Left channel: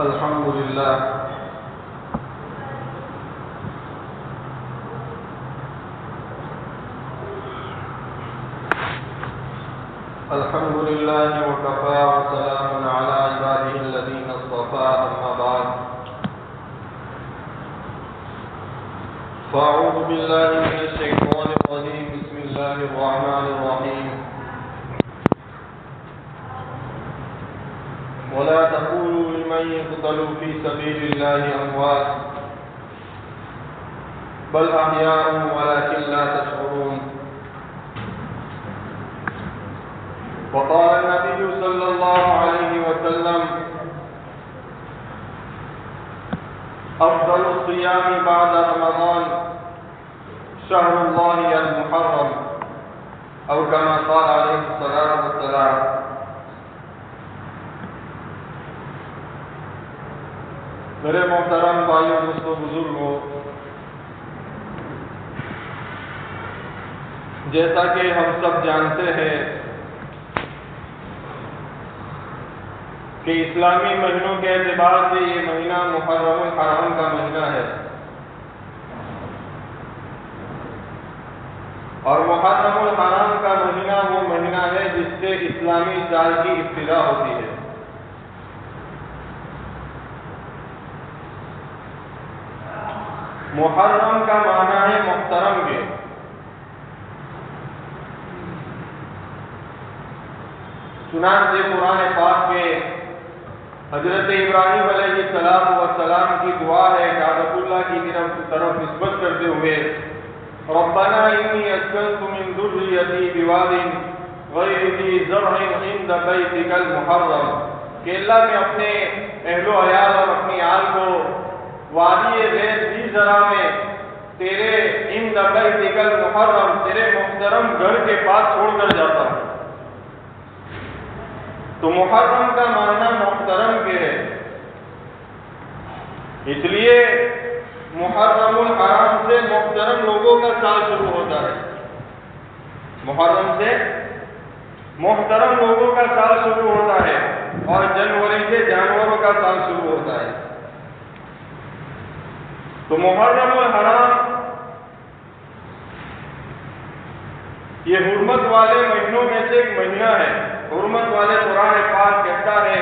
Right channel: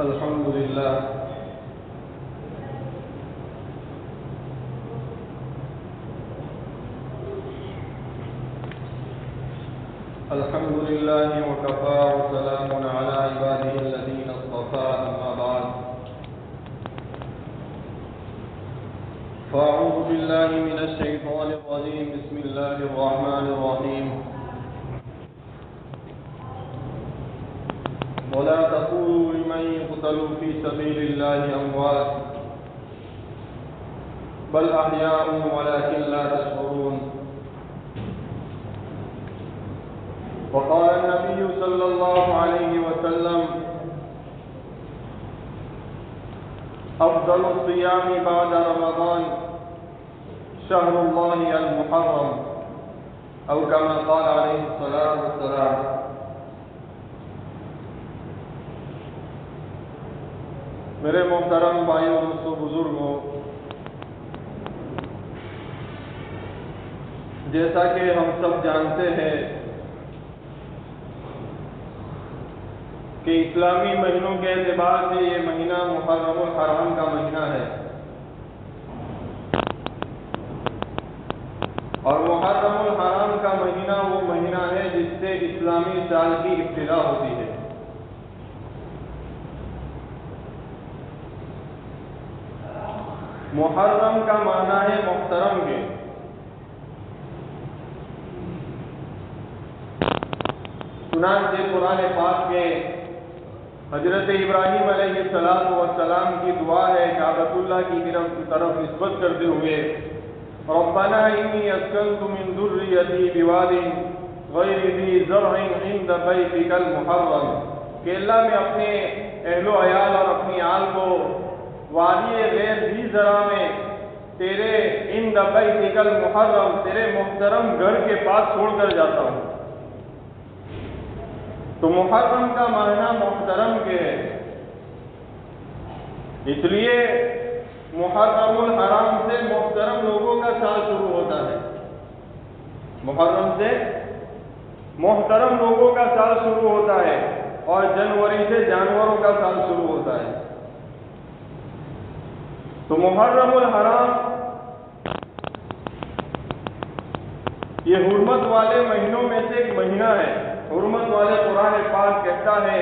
الحمد لله الحمد لله وكفى وسلام على عباده الذين اصطفى أما بعد فأعوذ بالله من الشيطان الرجيم بسم الله الرحمن الرحيم ولا تقولوا لمن يقتل في سبيل الله أموات بل أحياء ولكن لا تشعرون وقال النبي صلى الله عليه وسلم أفضل الصيام بعد رمضان شهر الله المحرم أو كما قال عليه الصلاة والسلام. میرے محترم بھائیوں دوستوں بزرگوں، جیسا کہ ہم سب جانتے ہیں کہ اسلامی مہینوں کے اعتبار سے یہ مہینہ محرم الحرام کا مہینہ ہے، اور محرم الحرام کا مہینہ وہ مہینہ ہے جس سے اسلامی سال کی ابتدا ہوتی ہے. محرم کا معنی ہے محترم کے. چنانچہ قرآن پاک میں حضرت ابراہیم علیہ السلام کی دعا ہے کعبۃ اللہ کی طرف نسبت کرتے ہوئے ربنا انی اسکنت من ذریتی بواد غیر ذی زرع عند بیتک المحرم، کہ اللہ میں اپنے اہل و عیال اور اپنی آل کو وادی غیر ذی زرع میں تیرے عند بیتک المحرم، تیرے محترم گھر کے پاس چھوڑ کر جاتا ہوں. تو محرم کا معنی محترم کے ہے، اس لیے محرم الحرام سے محترم لوگوں کا سال شروع ہوتا ہے. محرم سے محترم لوگوں کا سال شروع ہوتا ہے اور جنوری سے جانوروں کا سال شروع ہوتا ہے. تو محرم الحرام یہ حرمت والے مہینوں میں سے ایک مہینہ ہے. حرمت والے قرآن پاک کہتا ہے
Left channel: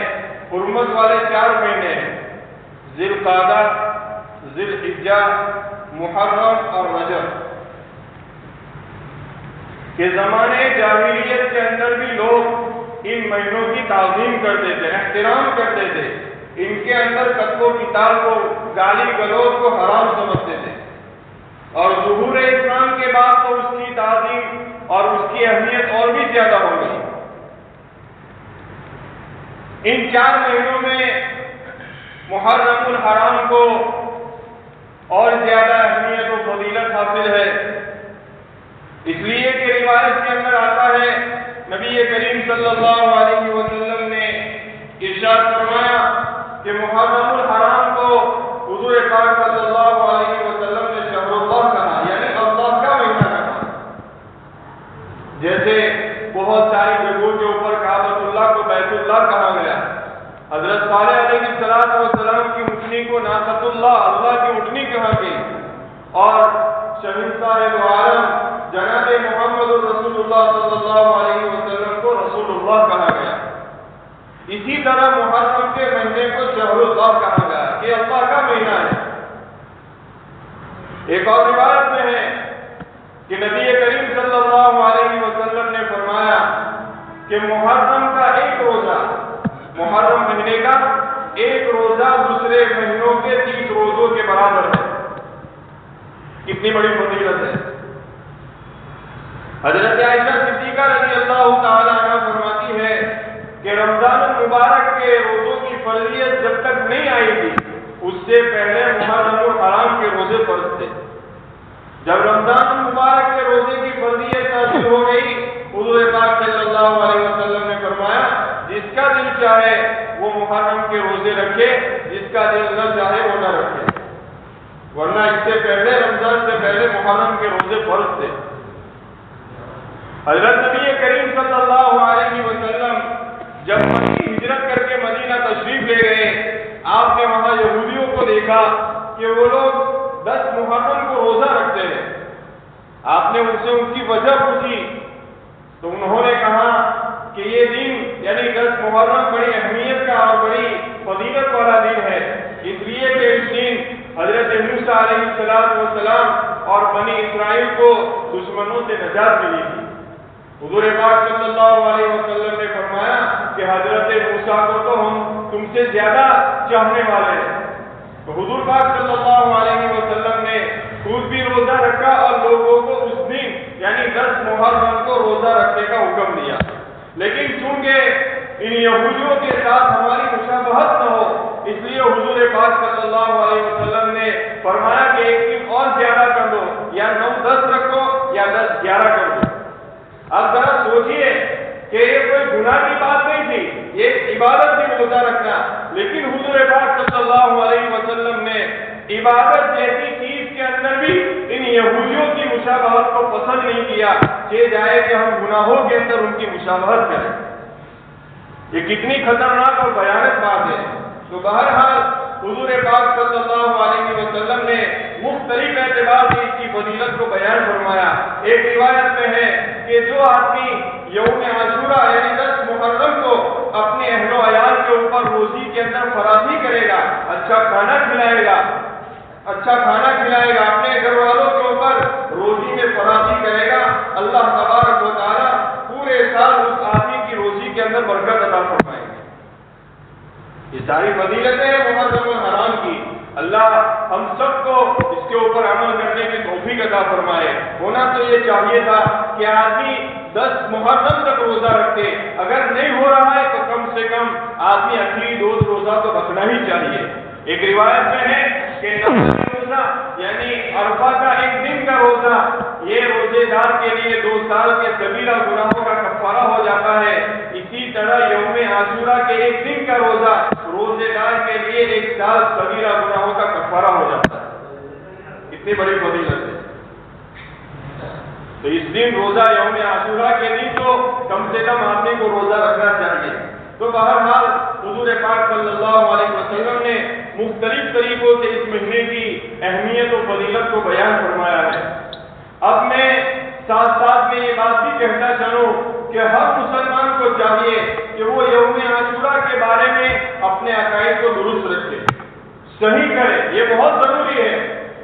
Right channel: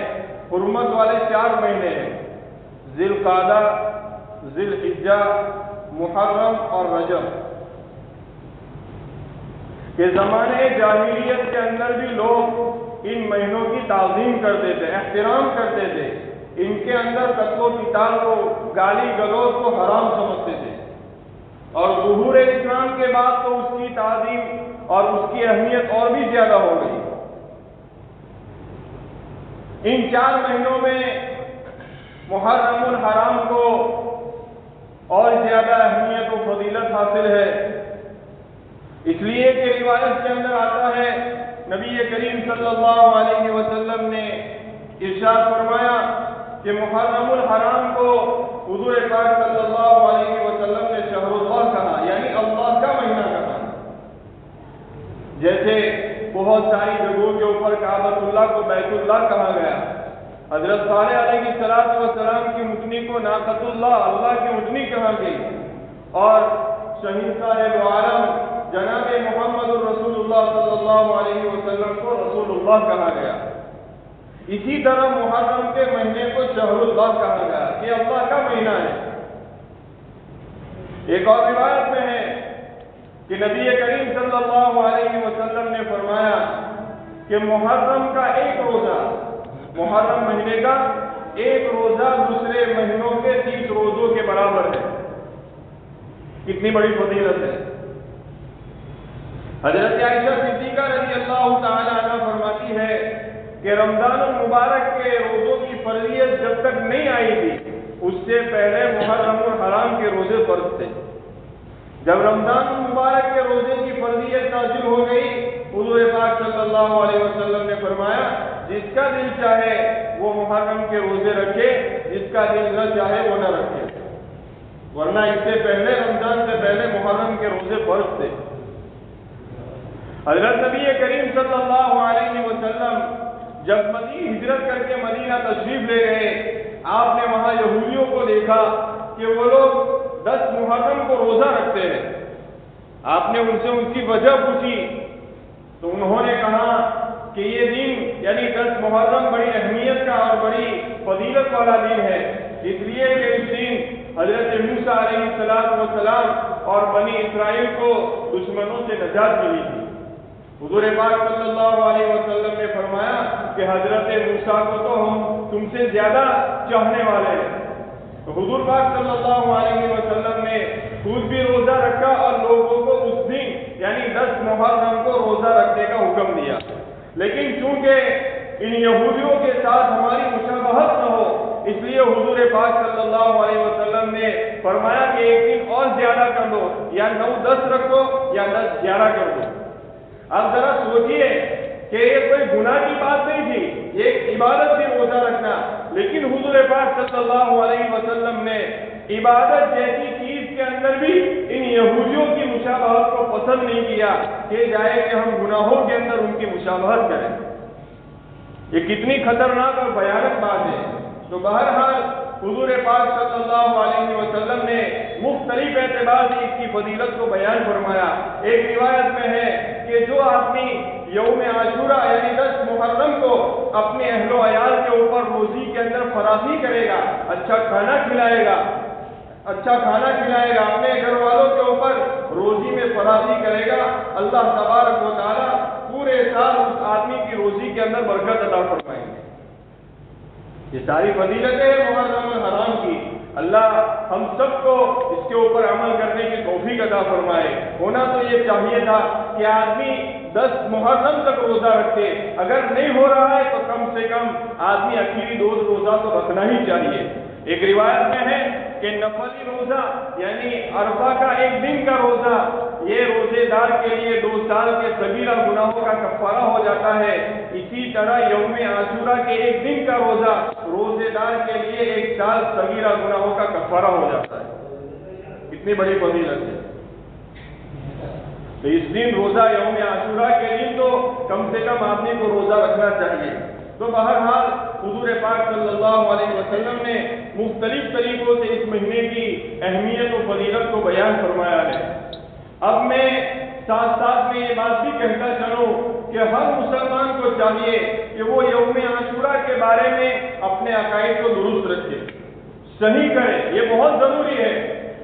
حرمت والے 4 مہینے ہیں، ذی القعدہ، ذی الحجہ، محرم اور رجب. کہ زمانے جاہلیت کے اندر بھی لوگ ان مہینوں کی تعظیم کرتے تھے، احترام کرتے تھے، ان کے اندر قتل و قتال کو، گالی گلوچ کو حرام سمجھتے تھے. اور ظہور اسلام کے بعد تو اس کی تعظیم اور اس کی اہمیت اور بھی زیادہ ہو گئی. ان 4 مہینوں میں محرم الحرام کو اور زیادہ اہمیت و فضیلت حاصل ہے، اس لیے کہ روایت کے اندر آتا ہے نبی کریم صلی اللہ علیہ وسلم نے ارشاد فرمایا کہ محرم الحرام کو حضور پاک صلی اللہ علیہ وسلم نے شہر اللہ کہا، یعنی اللہ کا مہینہ کہا. جیسے بہت ساری جگہوں کے اوپر کعبۃ اللہ کو بیت اللہ کہا گیا، حضرت صالح علیہ السلام کی اونٹنی کو ناقۃ اللہ، اللہ کی اونٹنی کہا گئی، اور شہنشاہ دو عالم جناب محمد رسول اللہ صلی اللہ علیہ وسلم کو رسول اللہ کہا گیا. اسی طرح محرم کے مہینے کو شہر اللہ کہا گیا کہ اللہ کا مہینہ ہے. ایک اور روایت میں ہے کہ نبی کریم صلی اللہ علیہ وسلم نے فرمایا کہ محرم کا ایک روزہ، محرم مہینے کا ایک روزہ دوسرے مہینوں کے 30 روزوں کے برابر ہے. کتنی بڑی فضیلت ہے. حضرت عائشہ صدیقہ رضی اللہ تعالی عنہ فرماتی ہے کہ رمضان المبارک کے روزوں کی فرضیت جب تک نہیں آئی تھی اس سے پہلے محرم الحرام کے روزے فرض تھے. جب رمضان المبارک کے روزے کی فرضیت نازل ہو گئی، حضور پاک صلی اللہ علیہ وسلم نے فرمایا جس کا دل چاہے وہ محرم کے روزے رکھے، جس کا دل نہ چاہے وہ نہ رکھے، ورنہ اس سے پہلے رمضان سے پہلے محرم کے روزے فرض تھے. حضرت نبی کریم صلی اللہ علیہ وسلم جب مکی ہجرت کر کے مدینہ تشریف لے گئے، آپ نے وہاں یہودیوں کو دیکھا کہ وہ لوگ 10 محرم کو روزہ رکھتے ہیں۔ آپ نے ان سے ان کی وجہ پوچھی تو انہوں نے کہا کہ یہ دن یعنی 10 محرم بڑی اہمیت کا اور بڑی فضیلت والا دن ہے، اس لیے کہ اس دن حضرت موسیٰ علیہ السلام اور بنی اسرائیل کو دشمنوں سے نجات ملی تھی۔ حضور پاک صلی اللہ علیہ وسلم نے فرمایا کہ حضرت موسیٰ کو تو ہم تم سے زیادہ چاہنے والے ہیں۔ تو حضور پاک صلی اللہ علیہ وسلم نے خود بھی روزہ رکھا اور لوگوں کو اس دن یعنی 10 محرم کو روزہ رکھنے کا حکم دیا، لیکن چونکہ ان یہودیوں کے ساتھ ہماری مشابہت نہ ہو اس لیے حضور پاک صلی اللہ علیہ وسلم نے فرمایا کہ ایک دن اور زیادہ کر دو، یا 9-10 رکھو یا 10-11 کر دو۔ اب ذرا سوچئے کہ یہ کوئی گناہ کی بات نہیں تھی، یہ عبادت بھی روزہ رکھنا، لیکن حضور پاک صلی اللہ علیہ وسلم نے عبادت جیسی چیز کے اندر بھی ان یہودیوں کی مشابہت کو پسند نہیں کیا کہ جائے کہ ہم گناہوں کے اندر ان کی مشابہت کریں۔ یہ کتنی خطرناک اور بھیانک بات ہے۔ تو بہرحال حضور پاک صلی اللہ علیہ وسلم نے مختلف اعتبار سے اس کی فضیلت کو بیان فرمایا۔ ایک روایت میں ہے کہ جو آدمی یوم عاشورہ یعنی 10 محرم کو اپنے اہل و عیال کے اوپر روزی کے اندر فراخی کرے گا، اچھا کھانا کھلائے گا، اپنے گھر والوں کے اوپر روزی میں فراخی کرے گا، اللہ تبارک و تعالیٰ پورے سال اس آدمی کی روزی کے اندر برکت عطا فرمائے گا۔ یہ ساری فضیلتیں ہیں محرم الحرام کی۔ اللہ ہم سب کو اس کے اوپر عمل کرنے کی توفیق عطا فرمائے۔ ہونا تو یہ چاہیے تھا کہ آدمی 10 محرم تک روزہ رکھتے، اگر نہیں ہو رہا ہے تو کم سے کم آدمی اخیری 2 روزہ تو رکھنا ہی چاہیے۔ ایک روایت میں ہے کہ نفل روزہ یعنی عرفہ کا ایک دن کا روزہ یہ روزے دار کے لیے 2 سال کے کبیرہ گناہوں کا کفارہ ہو جاتا ہے۔ اسی طرح یوم عاشورہ کے ایک دن کا روزہ روزے دار کے لیے 1 سال کبیرہ گناہوں کا کفارہ ہو جاتا ہے۔ اتنی بڑی فضیلت ہے۔ تو اس دن روزہ یوم عاشورہ کے دن تو کم سے کم آدمی کو روزہ رکھنا چاہیے۔ تو بہرحال حضور پاک صلی اللہ علیہ وسلم نے مختلف طریقوں سے اس مہینے کی اہمیت و فضیلت کو بیان فرمایا ہے۔ اب میں ساتھ ساتھ میں یہ بات بھی کہتا چلوں کہ ہر مسلمان کو چاہیے کہ وہ یوم عاشورہ کے بارے میں اپنے عقائد کو درست رکھے، صحیح کرے، یہ بہت ضروری ہے۔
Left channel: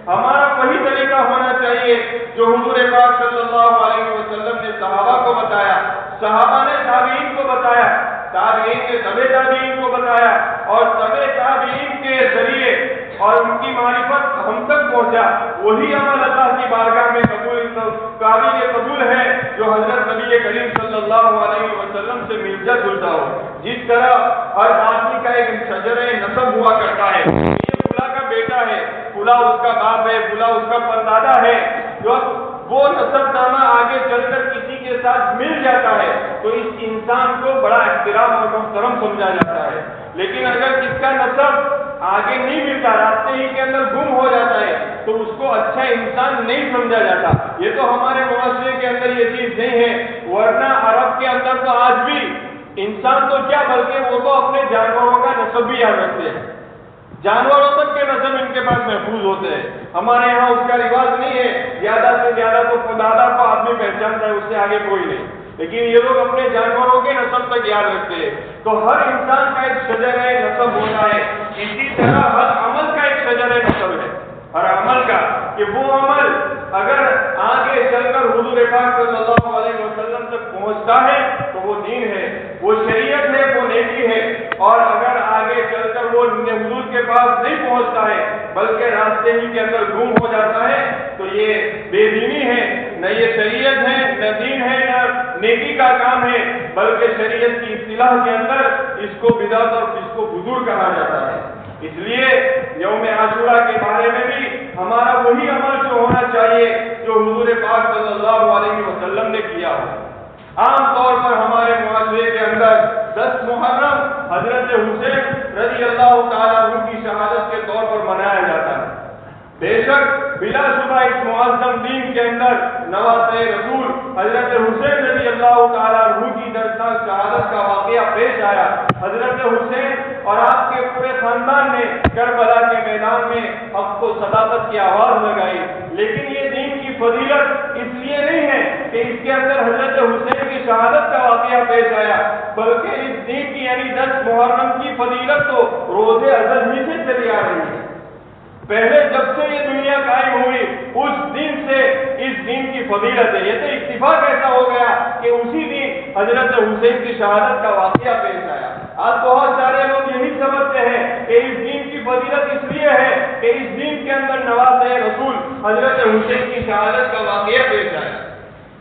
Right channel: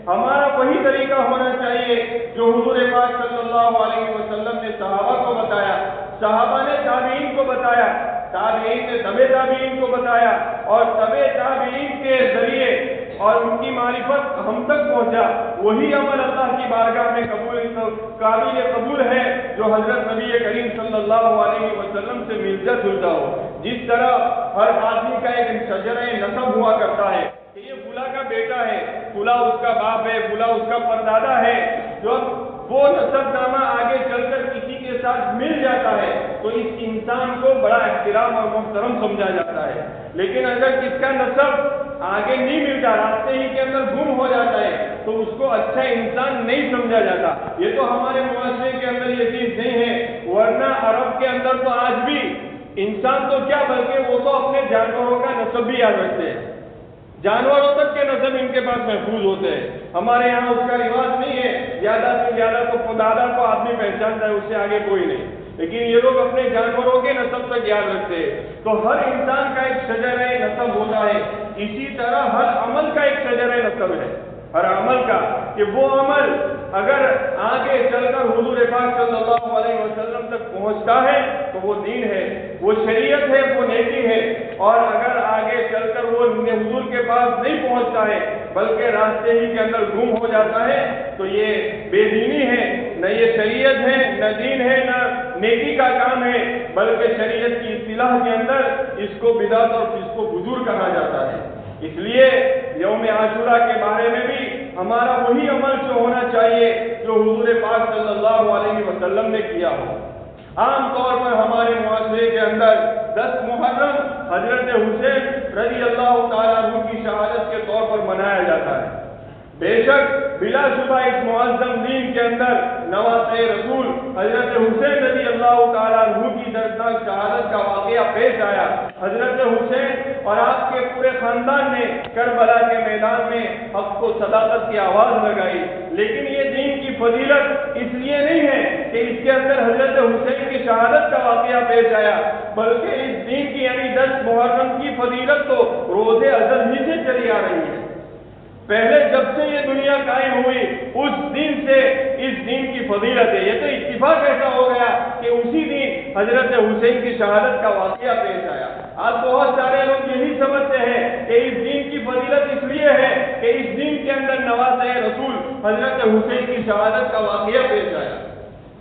ہمارا وہی طریقہ ہونا چاہیے جو حضور پاک صلی اللہ علیہ وسلم نے صحابہ کو بتایا، صحابہ نے تابعین کو بتایا، تابعین نے تبع تابعین کو بتایا، اور تبع تابعین کے ذریعے اور ان کی معرفت ہم تک پہنچا۔ وہی عمل اللہ کی بارگاہ میں قابل قبول ہے جو حضرت نبی کریم صلی اللہ علیہ وسلم سے ملتا جلتا ہو۔ جس طرح ہر آدمی کا ایک شجر نسب ہوا کرتا ہے، یہ فلاں کا بیٹا ہے، فلاں اس کا باپ ہے، فلاں اس کا پردادا ہے، جو وہ نسب نامہ آگے چل کر کسی کے ساتھ مل جاتا ہے تو اس انسان کو بڑا احترام اور محترم سمجھا جاتا ہے۔ لیکن اگر کس کا نسب آگے نہیں ملتا، راستے ہی کے اندر گم ہو جاتا ہے تو اس کو اچھا انسان نہیں سمجھا جاتا۔ یہ تو ہمارے معاشرے کے اندر یہ چیز نہیں ہے، ورنہ عرب کے اندر تو آج بھی انسان تو کیا بلکہ وہ تو اپنے جانوروں کا نسب بھی یاد رکھتے ہیں، جانوروں تک کے نسب ان کے پاس محفوظ ہوتے ہیں۔ ہمارے یہاں اس کا رواج نہیں ہے، زیادہ سے زیادہ تو دادا کو آدمی پہچانتا ہے، اس سے آگے کوئی نہیں، لیکن یہ لوگ اپنے جانوروں کے نسب تک یاد رکھتے ہیں۔ تو ہر انسان کا ایک شجر نسب ہوتا ہے، اسی طرح ہر عمل کا ایک شجر نسب ہے، ہر عمل کا کہ وہ عمل اگر آگے چل کر حضور پاک صلی اللہ علیہ وسلم تک پہنچتا ہے تو وہ دین ہے، وہ شریعت ہے، وہ نیکی ہے، اور اگر آگے چل کر وہ حضور کے پاس نہیں پہنچتا ہے بلکہ راستے ہی کے اندر گم ہو جاتا ہے تو یہ بے دینی ہے، نہ یہ شریعت ہے، نہ دین ہے، نہ نیکی کا کام ہے، بلکہ شریعت کی اصطلاح کے اندر اس کو بدعت اور اس کو فجور کہا جاتا ہے۔ اس لیے یوم عاشورہ کے بارے میں بھی ہمارا وہی عمل جو ہونا چاہیے جو حضور پاک صلی اللہ علیہ وسلم نے کیا ہو۔ عام طور پر ہمارے معاشرے کے اندر 10 محرم حضرت حسین رضی اللہ تعالیٰ عنہ کی شہادت کے طور پر منایا جاتا ہے۔ بے شک بلا شبہ اس معظم دین کے اندر نواسۂ رسول حضرت حسین رضی اللہ تعالیٰ عنہ کی دردناک شہادت کا واقعہ پیش آیا. حضرت حسین اور آپ کے پورے خاندان نے کربلا کے میدان میں حق و صداقت کی آواز لگائی. لیکن یہ دین کی فضیلت اس لیے نہیں ہے کہ اس کے اندر حضرت حسین کی شہادت کا واقعہ پیش آیا، بلکہ اس دین کی یعنی 10 محرم کی فضیلت تو روز ازل ہی سے چلی آ رہی ہے. پہلے جب سے یہ دنیا قائم ہوئی اس دن سے اس دن کی فضیلت ہے. یہ تو اتفاق ایسا ہو گیا کہ اسی دن حضرت حسین کی شہادت کا واقعہ پیش آیا. آج بہت سارے لوگ یہی سمجھتے ہیں کہ اس دن کی فضیلت اس لیے ہے کہ اس دن کے اندر نواز رسول حضرت حسین کی شہادت کا واقعہ پیش آیا.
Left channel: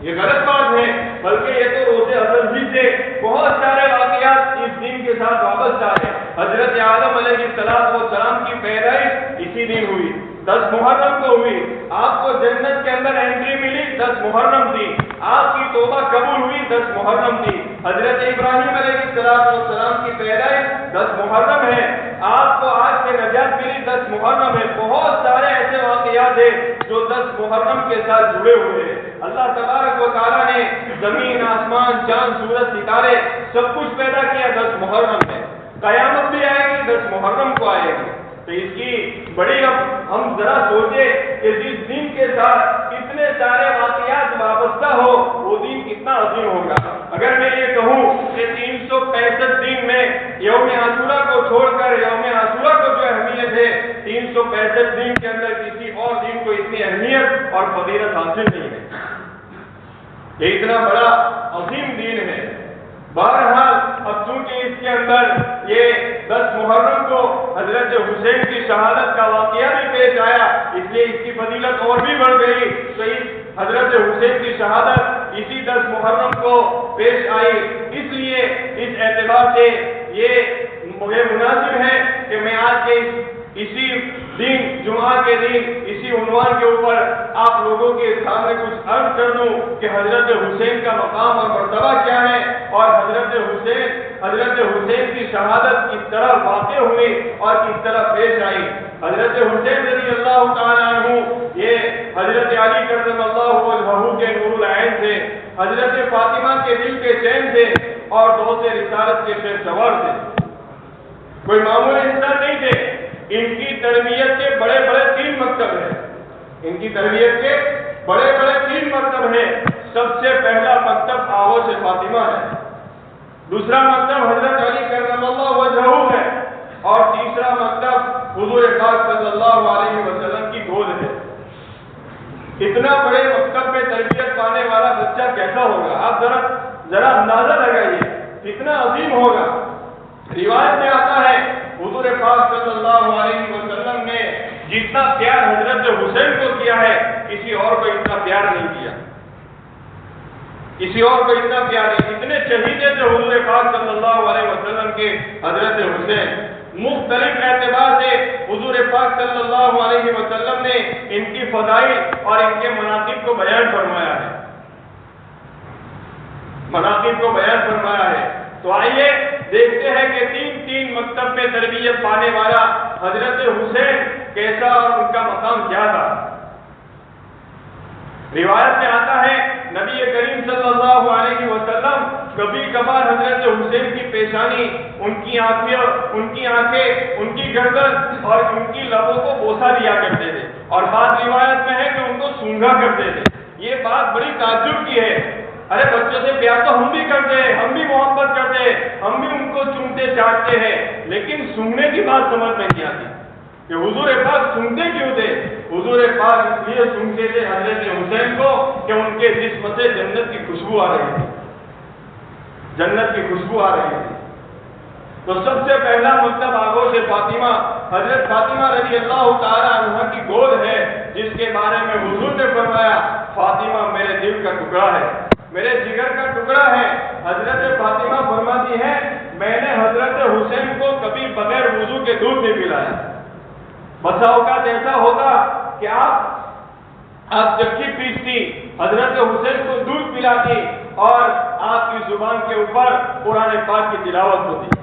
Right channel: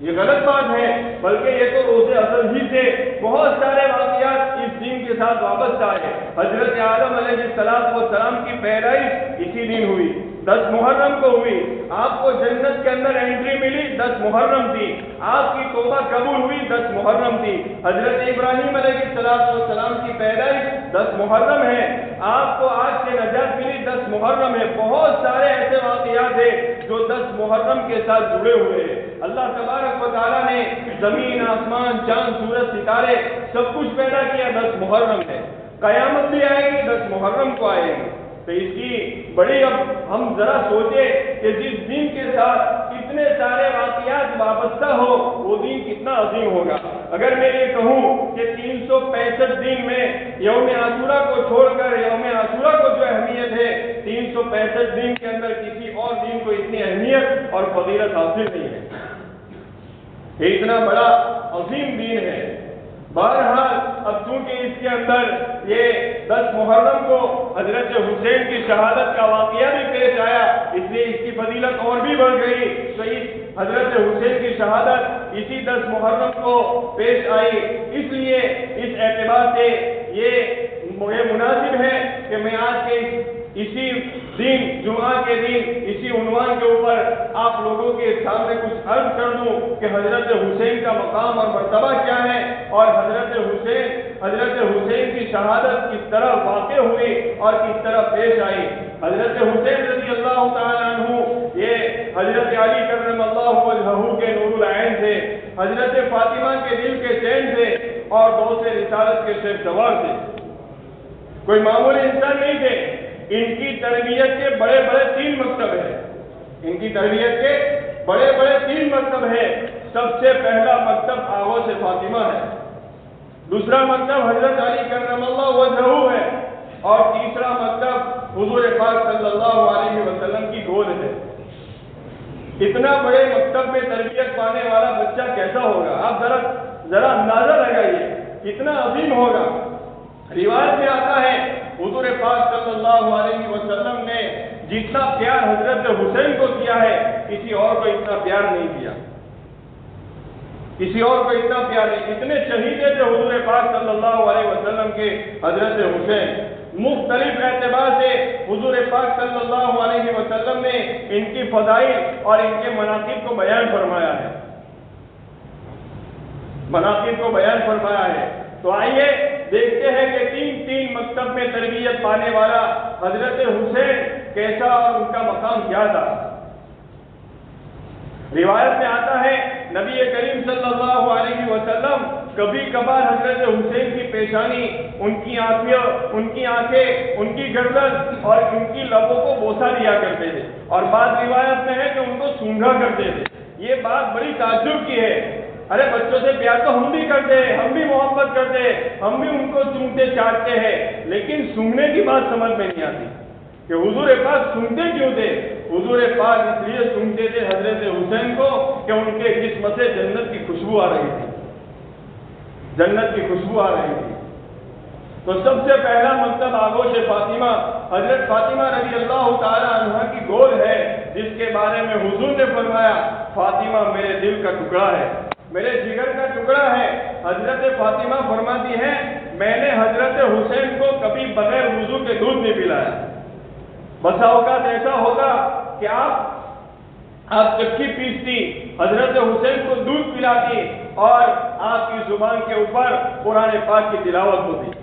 یہ غلط بات ہے، بلکہ یہ تو روز ازل ہی سے بہت سارے واقعات اس دن کے ساتھ وابستہ ہے. حضرت آدم علیہ السلام کی پیدائش اسی دن ہوئی، 10 محرم کو ہوئی. آپ کو جنت کے اندر انٹری ملی 10 محرم تھی. آپ کی توبہ قبول ہوئی 10 محرم تھی. حضرت ابراہیم علیہ السلام کی پیدائش 10 محرم ہے. آپ کو آج سے نجات ملی 10 محرم ہے. بہت سارے ایسے واقعات ہیں جو 10 محرم کے ساتھ جڑے ہوئے ہیں. اللہ تبارک و تعالیٰ نے زمین، آسمان، چاند، سورج، ستارے سب کچھ پیدا کیا 10 محرم میں. قیامت بھی آئے گی 10 محرم کو آئے گی. تو اس کی بڑی اب ہم ذرا سوچیں کہ جس دن کے ساتھ اتنے سارے واقعات وابستہ ہو وہ دن کتنا عظیم ہوگا. اگر میں یہ کہوں کہ 365 دن میں یوم عاشورہ کو چھوڑ کر یوم عاشورہ کو جو اہمیت ہے 365 دن کے اندر کسی اور دن کو اتنی اہمیت اور فضیلت حاصل نہیں ہے. یہ اتنا بڑا عظیم دین ہے. بہرحال اب چونکہ اس کے اندر یہ 10 محرم کو حضرت حسین کی شہادت کا واقعہ بھی پیش آیا، اس لیے اس کی فضیلت اور بھی بڑھ گئی. تو اس حضرت حسین کی شہادت اسی 10 محرم کو پیش آئی. اس لیے اس اعتبار سے یہ مناسب ہے کہ میں آج کے اسی دن جمعہ کے دن اسی عنوان کے اوپر آپ لوگوں کے سامنے کچھ عرض کر دوں کہ حضرت حسین کا مقام اور مرتبہ کیا ہے اور حضرت حسین کی شہادت کس طرح واقع ہوئی اور کس طرح پیش آئی. حضرت حسین رضی اللہ تعالیٰ عنہ یہ حضرت علی کرم اللہ وجہہ کے نور العین تھے، حضرت فاطمہ کے دل کے چین تھے اور دوست رسالت کے شیر سوار تھے. کوئی معمولی انسان نہیں تھے. ان کی تربیت کے بڑے بڑے 3 مکتب ہیں. ان کی تربیت کے بڑے بڑے 3 مکتب ہیں. سب سے پہلا مکتب آغوش فاطمہ ہے، دوسرا مکتب حضرت علی کرم اللہ وجہہ ہے اور تیسرا مکتب حضور پاک صلی اللہ علیہ وسلم کی گود ہے. اتنا بڑے مکتب میں تربیت پانے والا بچہ کیسا ہوگا؟ آپ ذرا اندازہ لگائیے کتنا عظیم ہوگا. روایت میں آتا ہے حضور پاک صلی اللہ علیہ وسلم نے جتنا پیار حضرت حسین کو کیا ہے کسی اور کو اتنا پیار نہیں کیا، کسی اور کو اتنا پیار نہیں. اتنے شہیدے تھے حضور پاک صلی اللہ علیہ وسلم کے حضرت حسین. مختلف اعتبار سے حضور پاک صلی اللہ علیہ وسلم نے ان کی فضائل اور ان کے مناقب کو بیان فرمایا ہے، مناقب کو بیان فرمایا ہے. تو آئیے دیکھتے ہیں کہ 3 مکتب میں تربیت پانے والا حضرت حسین کیسا اور ان کا مقام کیا تھا. روایت میں آتا ہے نبی کریم صلی اللہ علیہ وسلم کبھی کبھار حضرت حسین کی پیشانی، ان کی آنکھیں، ان کی گردن اور ان کی لبوں کو بوسہ دیا کرتے تھے اور بعض روایت میں ہے کہ ان کو سونگھا کرتے تھے. یہ بات بڑی تعجب کی ہے. ارے بچوں سے پیار تو ہم بھی کرتے ہیں، ہم بھی محبت کرتے ہیں، ہم بھی ان کو چومتے چاٹتے ہیں، لیکن سننے کی بات سمجھ میں نہیں آتی کہ حضور پاک سنتے کیوں تھے. حضور پاک اس لیے سنتے تھے حضرت حسین کو کہ ان کے جسم سے جنت کی خوشبو آ رہی تھی، جنت کی خوشبو آ رہی تھی. تو سب سے پہلا مکتب آغوش فاطمہ، حضرت فاطمہ رضی اللہ تعالی عنہ کی گود ہے جس کے بارے میں حضور نے فرمایا فاطمہ میرے دل کا ٹکڑا ہے، میرے جگر کا ٹکڑا ہے. حضرت فاطمہ فرماتی ہے میں نے حضرت حسین کو کبھی بغیر وضو کے دودھ نہیں پلایا. بسا اوقات ایسا ہوتا کہ آپ چکی پیستی، حضرت حسین کو دودھ پلاتی اور آپ کی زبان کے اوپر قرآن پاک کی تلاوت ہوتی.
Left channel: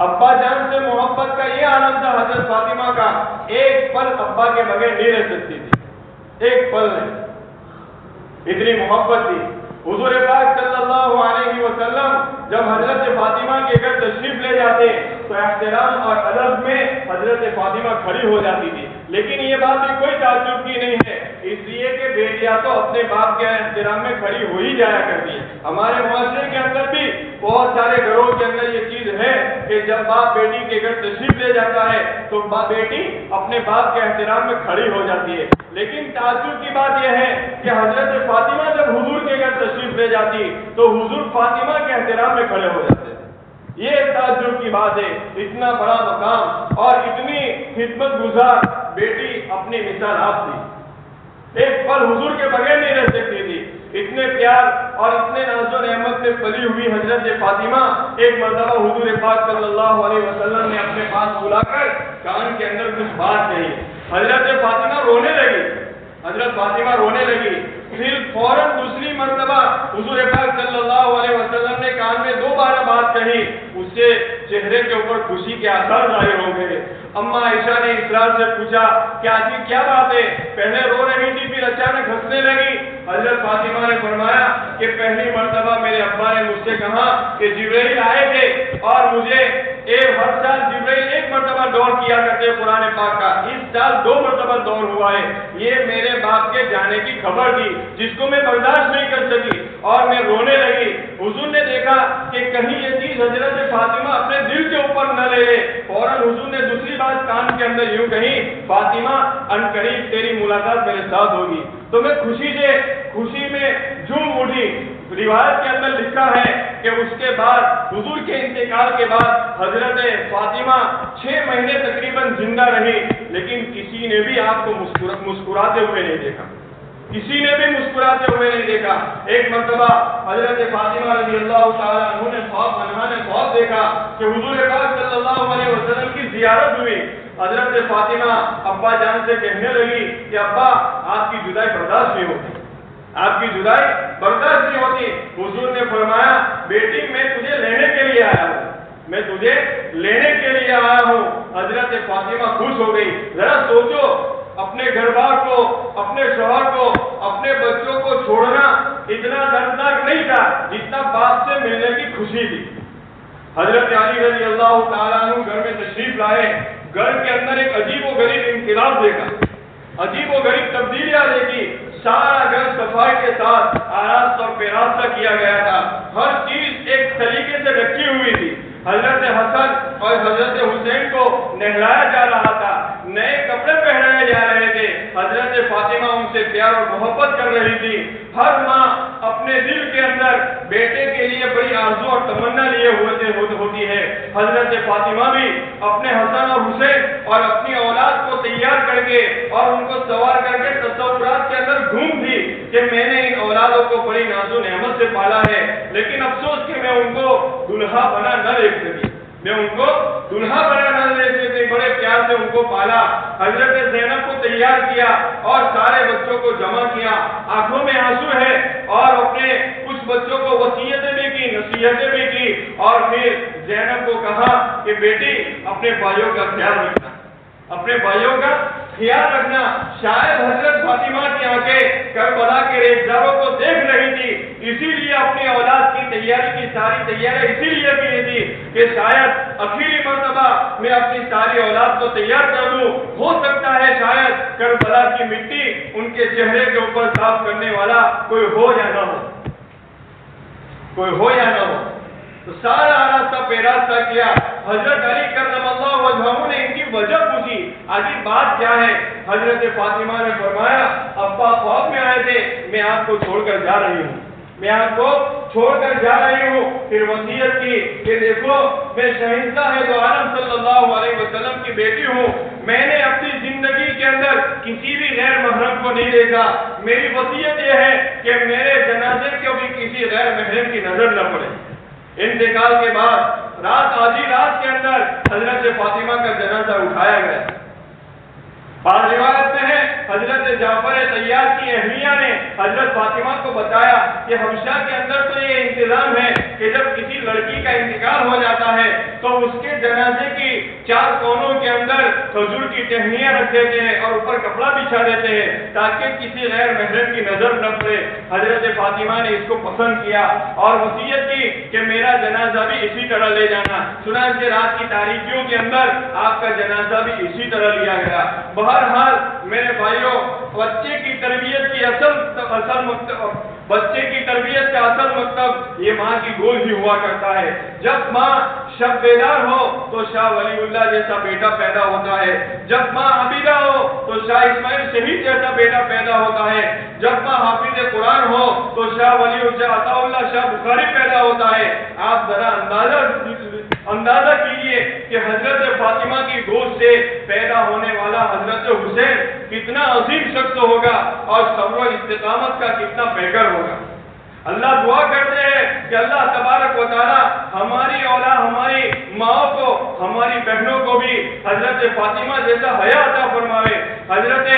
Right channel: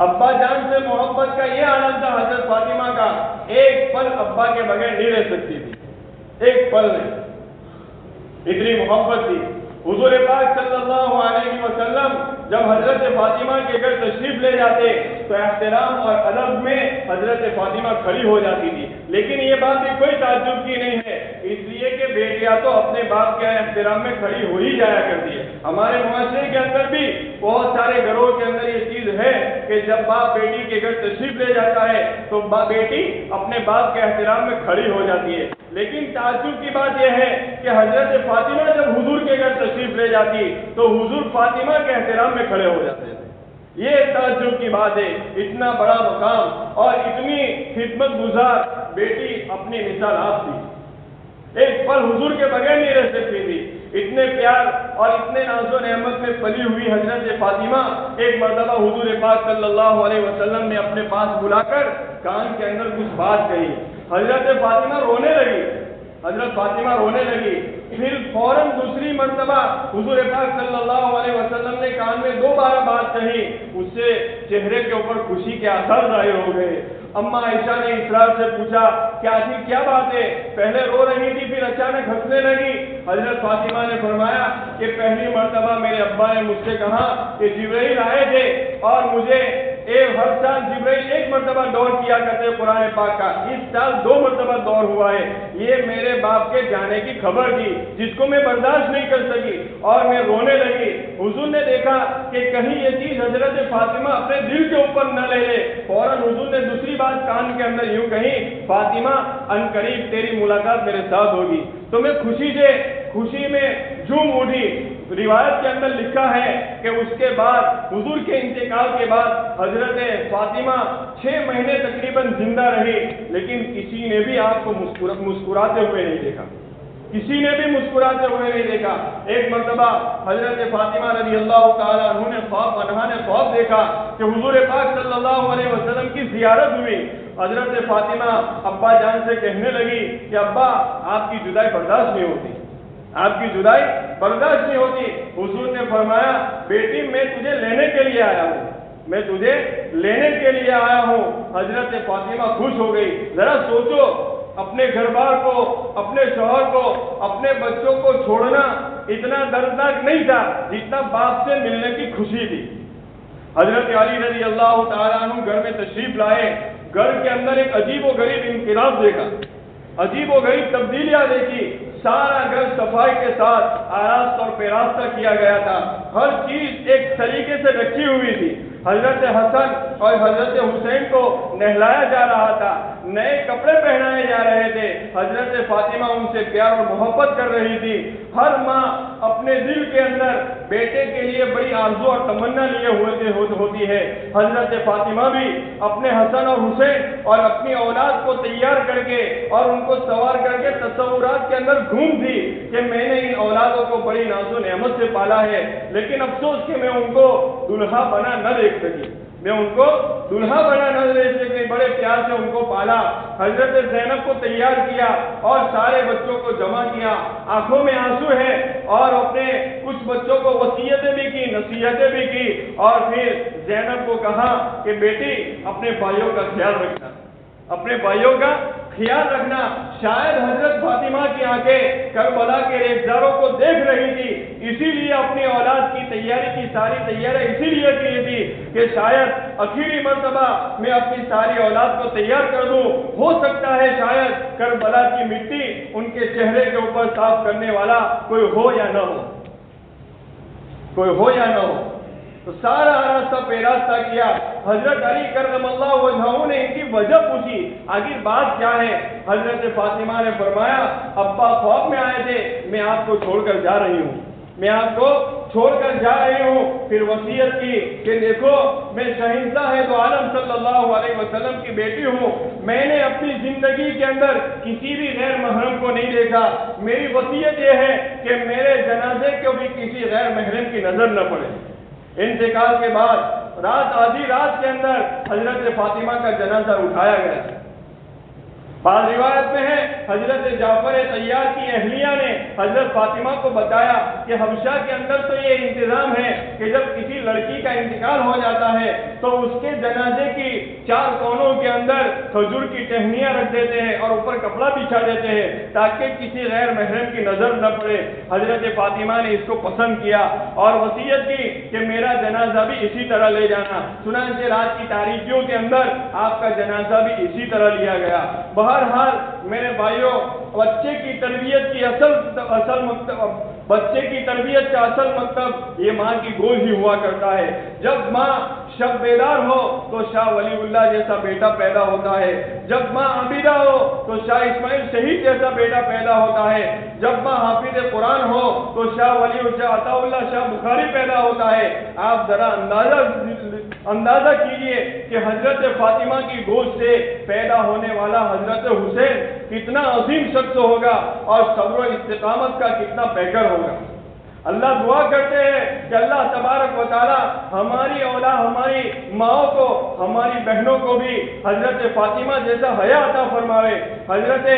ابا جان سے محبت کا یہ عالم تھا حضرت فاطمہ کا، ایک پل ابا کے بغیر نہیں رہ سکتی تھی، ایک پل نہیں، اتنی محبت تھی. حضور پاک صلی اللہ علیہ وسلم جب حضرت فاطمہ کے گھر تشریف لے جاتے تو احترام اور ادب میں حضرت فاطمہ کھڑی ہو جاتی تھی، لیکن یہ بات بھی کوئی تعجب کی نہیں ہے، اس لیے کہ بیٹیاں تو اپنے باپ کے احترام میں کھڑی ہو ہی جایا کرتی ہے۔ ہمارے معاشرے کے اندر بھی بہت سارے گھروں کے اندر یہ چیز ہے کہ جب باپ بیٹی کے گھر تشریف لے جاتا ہے تو بیٹی اپنے باپ کے احترام میں کھڑی ہو جاتی ہے، لیکن تعجب کی بات یہ ہے کہ حضرت فاطمہ جب حضور کے گھر تشریف لے جاتی تو حضور فاطمہ کے احترام میں کھڑے ہو جاتے۔ یہ تعجب کی بات ہے، اتنا بڑا مقام اور اتنی خدمت گزار بیٹی اپنی مثال آپ تھی، ایک پل حضور کے بغیر نہیں رہ سکتی تھی۔ اتنے پیار اور اتنے ناز و نعمت میں پلی ہوئی حضرت فاطمہ ایک مرتبہ حضور پاک صلی اللہ علیہ وسلم نے اپنے پاس بلا کر کان کے اندر کچھ بات کہی، حضرت فاطمہ رونے لگی، پھر فوراً دوسری مرتبہ حضور پاک صلی اللہ علیہ وسلم نے کان میں دوبارہ بات کہی، اس سے چہرے کے اوپر خوشی کے آثار ظاہر ہو گئے۔ اما عائشہ نے اسرار سے پوچھا کیا بات ہے؟ پہلے رو رہی تھی پھر اچانک ہنسنے لگی۔ حضرت فاطمہ نے فرمایا کہ پہلی مرتبہ میرے ابا نے مجھ سے کہا کہ جبرائیل آئے تھے اور مجھے ہر سال جبرائیل ایک مرتبہ دور کیا کرتے قرآن پاک کا، اس سال 2 مرتبہ دور ہوا ہے، یہ میرے باپ کے جانے کی خبر تھی جس کو میں برداشت نہیں کر سکی اور میں رونے لگی۔ حضور نے دیکھا کہ کہیں یہ چیز حضرت فاطمہ اپنے دل کے اوپر نہ لے لے، فوراً حضور نے دوسری بات کان کے اندر یوں کہی، فاطمہ عنقریب تیری ملاقات میرے ساتھ ہوگی۔ تو میں خوشی میں جھوم اٹھی۔ روایت کے اندر لکھا ہے کہ اس کے بعد حضور کے انتقال کے بعد حضرت فاطمہ 6 مہینے تقریباً زندہ رہی، لیکن کسی نے بھی آپ کو مسکراتے ہوئے نہیں دیکھا، ایک مرتبہ حضرت فاطمہ رضی اللہ تعالیٰ عنہ نے خواب دیکھا کہ حضور پاک صلی اللہ علیہ وسلم کی زیارت ہوئی۔ حضرت فاطمہ ابا جان سے کہنے لگی کہ ابا آپ کی جدائی برداشت نہیں ہوتی۔ حضور نے فرمایا بیٹی میں تجھے لینے کے لیے آیا ہوں۔ حضرت فاطمہ خوش ہو گئی۔ ذرا سوچو، اپنے گھر بار کو، اپنے شوہر کو، اپنے بچوں کو چھوڑنا اتنا دردناک نہیں تھا جتنا باپ سے ملنے کی خوشی تھی۔ حضرت علی رضی اللہ تعالیٰ عنہ گھر میں تشریف لائے، گھر کے اندر ایک عجیب و غریب انقلاب دیکھا، عجیب و غریب تبدیلیاں دیکھی۔ سارا گھر صفائی کے ساتھ آراستہ اور پیراستہ کیا گیا تھا، ہر چیز ایک طریقے سے رکھی ہوئی تھی۔ حضرت حسن اور حضرت حسین کو نہلایا جا رہا تھا، نئے کپڑے پہنائے جا رہے تھے۔ حضرت فاطمہ ان سے پیار اور محبت کر رہی تھی۔ ہر ماں اپنے دل کے اندر بیٹے کے لیے بڑی آرزو اور تمنا لیے ہوتی ہے۔ حضرت فاطمہ بھی اپنے حسن اور حسین اور اپنی اولاد کو تیار کر کے اور ان کو سوار کر کے تصورات کے اندر گھوم تھی کہ میں نے ان اولادوں کو بڑی ناز و نعمت سے پالا ہے، لیکن افسوس کہ میں ان کو دلہا بنا نہ دیکھ سکی، بڑے پیار سے ان کو پالا۔ حضرت زینب کو تیار کیا اور سارے بچوں کو جمع کیا، آنکھوں میں آنسو ہے، اور اپنے کچھ بچوں کو وصیتیں بھی کی، نصیحتیں بھی کی، اور پھر زینب کو کہا کہ بیٹی اپنے بھائیوں کا خیال رکھنا۔ شاید حضرت فاطمہ کی آنکھیں کربلا کے ریزداروں کو دیکھ رہی تھی، اسی لیے اپنی اولاد کی ساری تیاریاں اسی لیے کی تھی کہ شاید آخری مرتبہ میں اپنی ساری اولاد کو تیار کر دوں، ہو سکتا ہے شاید کربلا کی مٹی ان کے چہرے کے اوپر صاف کرنے والا کوئی ہو یا نہ ہو۔ تو سارا آراستہ پیراستہ کیا۔ حضرت علی کرم اللہ وجہہ نے ان کی وجہ پوچھی، آخر بات کیا ہے؟ حضرت فاطمہ نے فرمایا ابا خواب میں آئے تھے، میں آپ کو چھوڑ کر جا رہی ہوں۔ پھر وصیت کی کہ دیکھو میں شہنشاہ دو عالم صلی اللہ علیہ وسلم کی بیٹی ہوں، میں نے اپنی زندگی کے اندر کسی بھی غیر محرم کو نہیں دیکھا، میری وصیت یہ ہے کہ میرے جنازے کو بھی کسی غیر محرم کی نظر نہ پڑے۔ انتقال کے بعد آدھی رات کے اندر حضرت فاطمہ کا جنازہ اٹھایا گیا۔ بعض روایت میں ہے حضرت جعفر طیار کی اہلیہ نے حضرت فاطمہ کو بتایا کہ حبشہ کے اندر تو یہ انتظام ہے کہ کہ جب کسی لڑکی کا انتقال ہو جاتا ہے تو اس کے جنازے کی 4 کونوں کے اندر کھجور کی ٹہنیاں رکھ دیتے ہیں اور اوپر کپڑا بچھا دیتے ہیں تاکہ کسی غیر محرم کی نظر نہ پڑے۔ حضرت فاطمہ نے اس کو پسند کیا اور وصیت کی کہ میرا جنازہ بھی اسی طرح لے جانا۔ چنانچہ رات کی تاریکیوں کے اندر آپ کا جنازہ بھی اسی طرح لیا گیا۔ بہرحال میرے بھائیوں، بچے کی تربیت کی اصل مکتب یہ ماں کی گود ہی ہوا کرتا ہے۔ جب ماں شب بیدار ہو تو شاہ ولی اللہ جیسا بیٹا پیدا ہوتا ہے، جب ماں عابدہ ہو تو شاہ اسماعیل شہید جیسا بیٹا پیدا ہوتا ہے، جب ماں حافظ قرآن ہو تو شاہ ولی اللہ عطا اللہ شاہ بخاری پیدا ہوتا ہے۔ آپ ذرا اندازہ کیجئے کہ حضرت فاطمہ کی گود سے پیدا ہونے والا حضرت حسین کتنا عظیم شخص ہوگا اور صبر و استقامت کا کتنا پیکر ہوگا۔ اللہ دعا کرتے ہیں کہ اللہ تبارک و تعالی ہماری اولاد، ہماری ماں کو، ہماری بہنوں کو بھی حضرت فاطمہ جیسا حیا عطا فرمائے، حضرت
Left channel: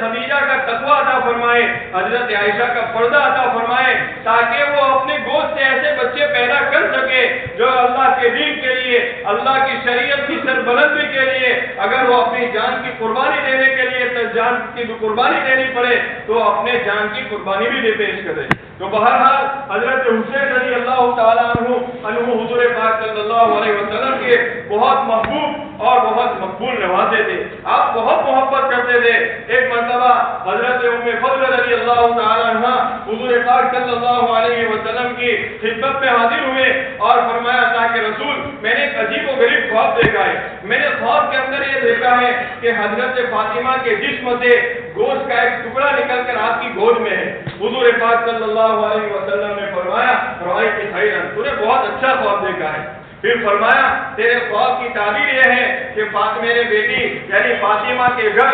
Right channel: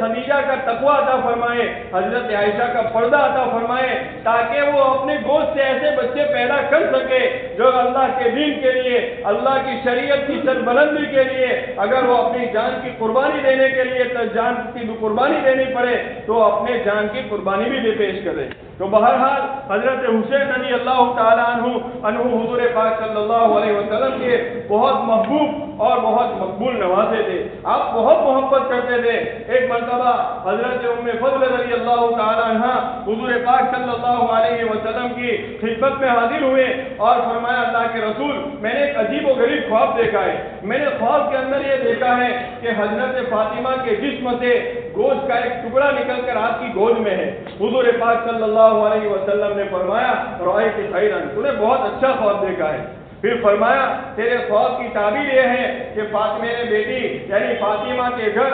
خدیجہ کا تقوی عطا فرمائے، حضرت عائشہ کا پردہ عطا فرمائے، تاکہ وہ اپنے گود سے ایسے بچے پیدا کر سکے جو اللہ کے دین کے لیے، اللہ کی شریعت کی سربلندی کے لیے اگر وہ اپنی جان کی قربانی دینے کے لیے تو جان کی قربانی دینی پڑے تو اپنے جان کی قربانی بھی پیش کرے۔ تو بہرحال حضرت حسین رضی اللہ تعالیٰ عنہ حضور پاک صلی اللہ علیہ وسلم کے بہت محبوب اور بہت مقبول نوازے تھے، آپ بہت محبت کرتے تھے۔ ایک مرتبہ حضرت ام فضل رضی اللہ تعالیٰ عنہ حضور پاک صلی اللہ علیہ وسلم کی خدمت میں حاضر ہوئے اور فرمایا اللہ کے رسول، میں نے ایک عجیب و غریب خواب دیکھا ہے، میں نے خواب کے اندر یہ دیکھا ہے کہ حضرت فاطمہ کے جسم سے گوشت کا ایک ٹکڑا نکل کر آپ کی گود میں ہے۔ حضور پاک صلی اللہ علیہ وسلم نے فرمایا رأیت خیرا، تو نے بہت اچھا خواب دیکھا ہے۔ پھر فرمایا تیرے خواب کی تعبیر یہ ہے کہ میرے بیٹی یعنی فاطمہ کے گھر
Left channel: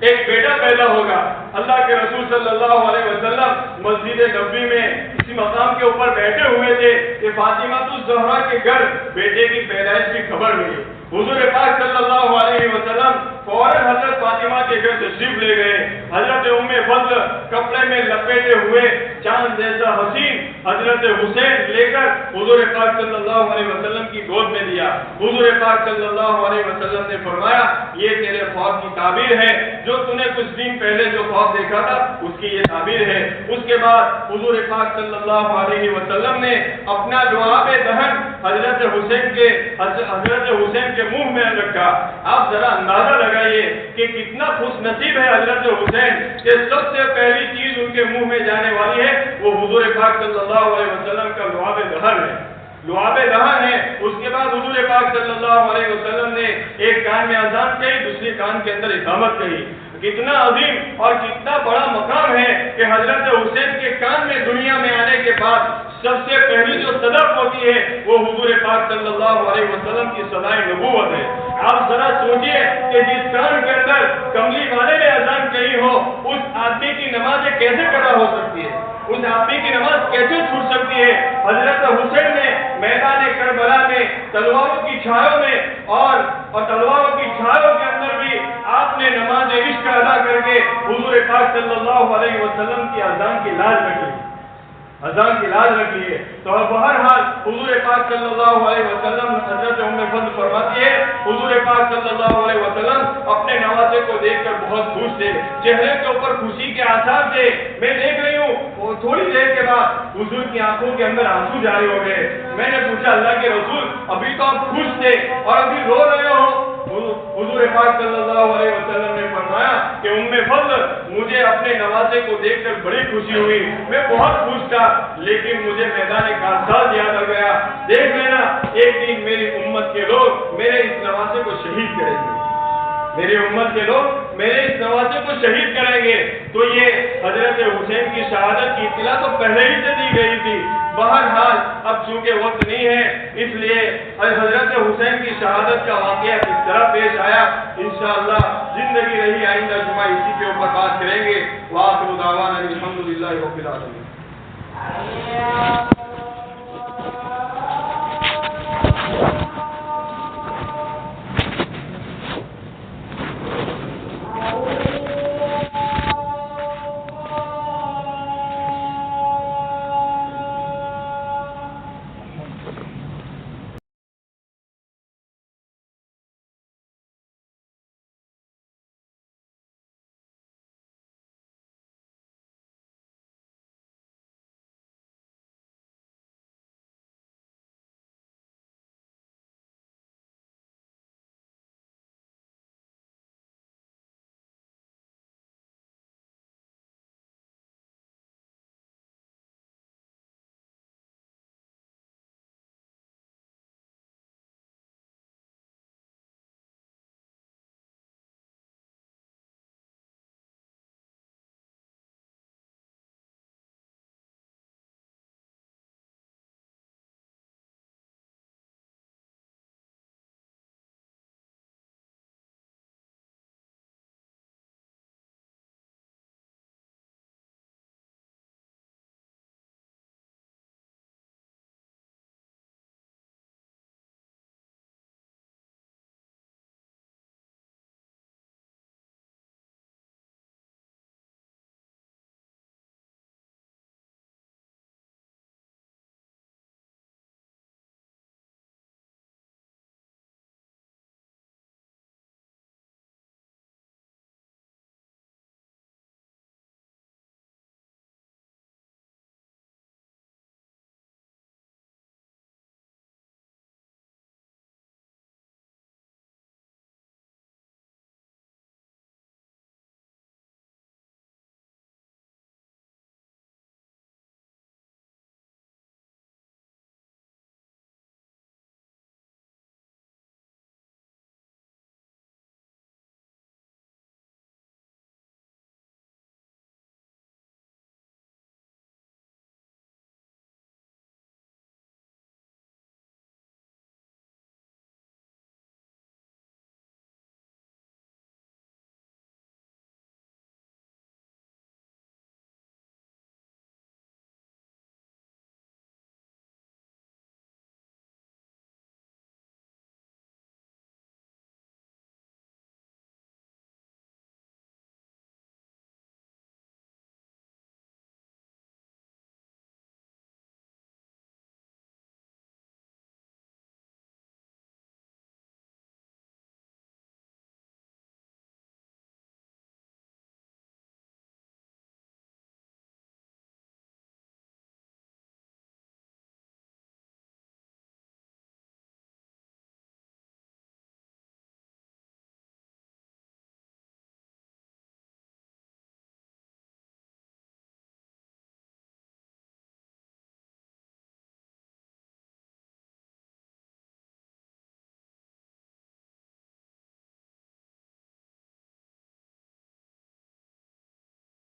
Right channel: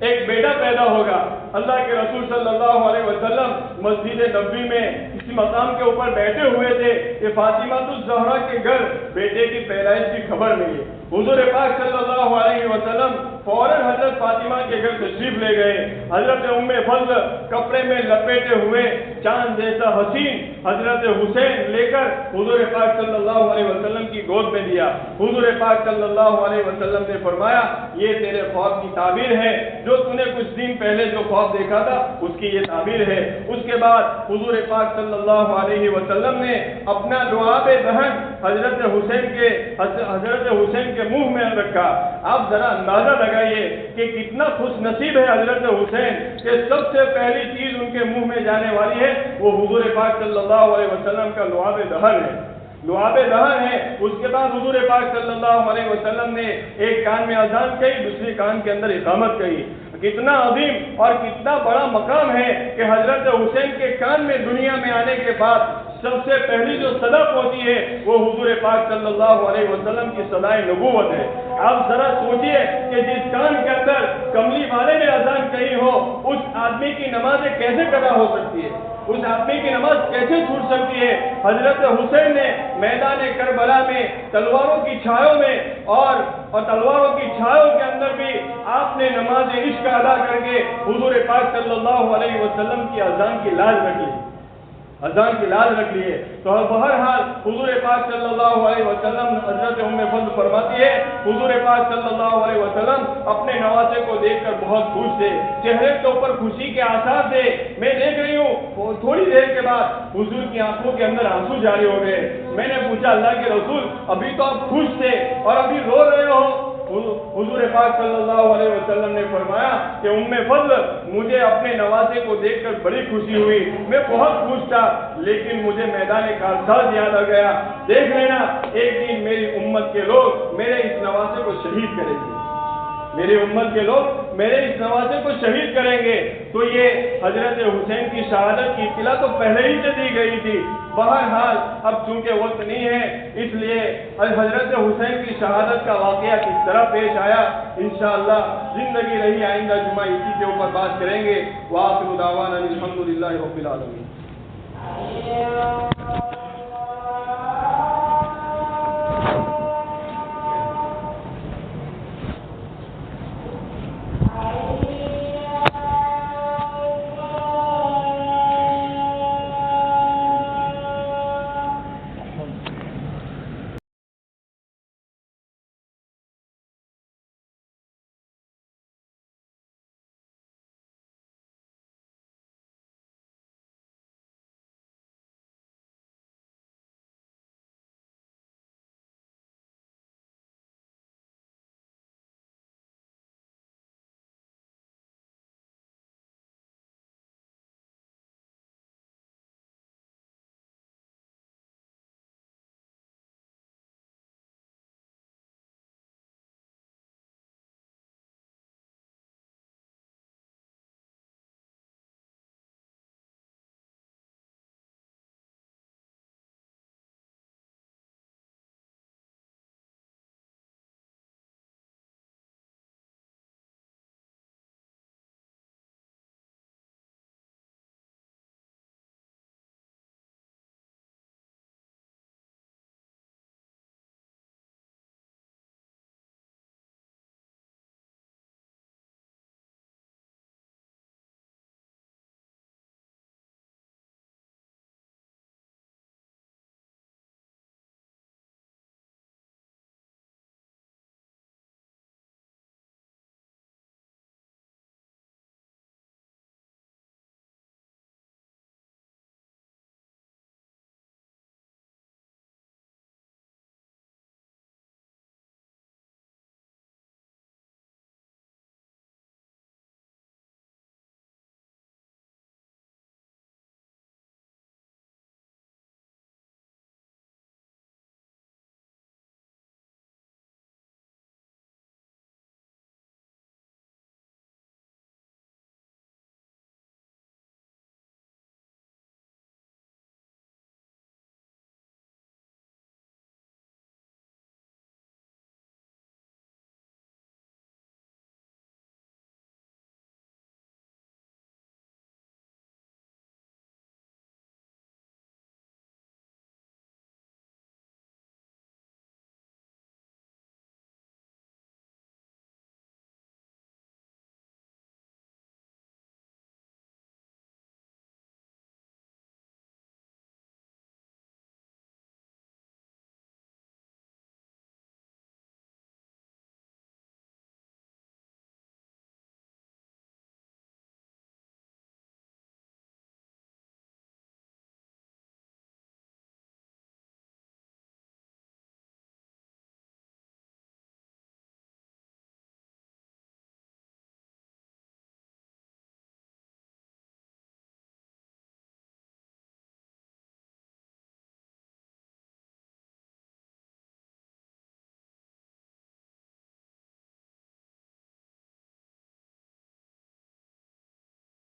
ایک بیٹا پیدا ہوگا۔ اللہ کے رسول صلی اللہ علیہ وسلم مسجد نبوی میں کسی مقام کے اوپر بیٹھے ہوئے تھے کہ فاطمہ الزہرا کے گھر بیٹے کی پیدائش کی خبر ملی۔ حضور پاک صلی اللہ علیہ وسلم فوراً حضرت فاطمہ کے گھر تشریف لے گئے۔ حضرت ام فضل کپڑے میں لپیٹے ہوئے چاند جیسا حسین حضرت حسین لے کر حضور پاک صلی اللہ علیہ وسلم کی گود میں دیا۔ حضور پاک صلی اللہ علیہ وسلم نے فرمایا یہ تیرے خواب کی تعبیر ہے، جو تو نے کچھ دن پہلے جو خواب دیکھا تھا اس کی یہ تعبیر ہے۔ اس کے بعد حضور پاک صلی اللہ علیہ وسلم نے اپنا لعاب دہن حضرت حسین کے منہ میں رکھا۔ آپ ذرا اندازہ لگائیے کہ کتنا خوش نصیب ہے حضرت حسین کہ سب سے پہلی چیز ان کے منہ میں جانے والی ہے وہ حضور پاک صلی اللہ علیہ وسلم کا لعاب دہن ہے، لعاب دہن ہے۔ اس کے بعد حضور پاک صلی اللہ علیہ وسلم نے ایک کان میں اذان کہی، دوسری کان کے اندر اقامت کہی۔ کتنا عظیم اور کتنا بڑا مقام ہے کہ حضرت حسین کے کان میں دنیا میں آنے کے بعد سب سے پہلی جو صدق ہوتی ہے وہ حضور پاک صلی اللہ علیہ وسلم کی صدائے نبوت ہے۔ آپ ذرا سوچئے کہ جس کان کے اندر کملی والے نے اذان کہی ہو اس آدمی کی نماز کیسے قضا ہو سکتی ہے، اس آدمی کی نماز کیسے چھوٹ سکتی ہے۔ حضرت حسین نے میدان کربلا میں تلواروں کی چھاؤں میں اور تلواروں کی چھاؤں کے اندر بھی آپ نے نماز عشق ادا کر کے حضور پاک صلی اللہ علیہ وسلم کی اذان کی لاج رکھی، اذان کی لاج رکھی ہے۔ تو بہرحال حضور پاک صلی اللہ علیہ وسلم حضرت ام فضل فرماتی ہے حضور پاک صلی اللہ علیہ وسلم اپنے نواسے کو دیکھ کر بہت خوش تھے، چہرے کے اوپر خوشی کے آثار تھے۔ میں دیکھ رہی ہوں تھوڑی دیر کے بعد حضور کی آنکھوں کے اندر آنسو جاری ہو گئے۔ میں نے پوچھا اللہ کے رسول ابھی تو آپ خوش تھے اور ابھی رو رہے ہو؟ حضور پاک صلی اللہ علیہ وسلم نے فرمایا کہ ام فضل مجھے اپنے نواسے کو دیکھ کر بڑی خوشی ہوئی، میں بہت خوش تھا لیکن مجھے میدان کارساز یاد آ گیا۔ دیکھ لینا ایک دن میری امت کے لوگ میرے اس نواسے کو شہید کریں گے، میری امت کے لوگ میرے اس نواسے کو شہید کریں گے۔ تو یہ حضرت حسین کی شہادت کی اطلاع تو پہلے ہی سے دی گئی تھی۔ بہرحال اب چونکہ وقت نہیں ہے اس لیے حضرت حسین کی شہادت کا واقعہ کس طرح پیش آیا انشاءاللہ زندگی رہی آئندہ جمعہ اسی کے اوپر بات کریں گے۔ وآخر دعوانا الحمدللہ رب العالمین۔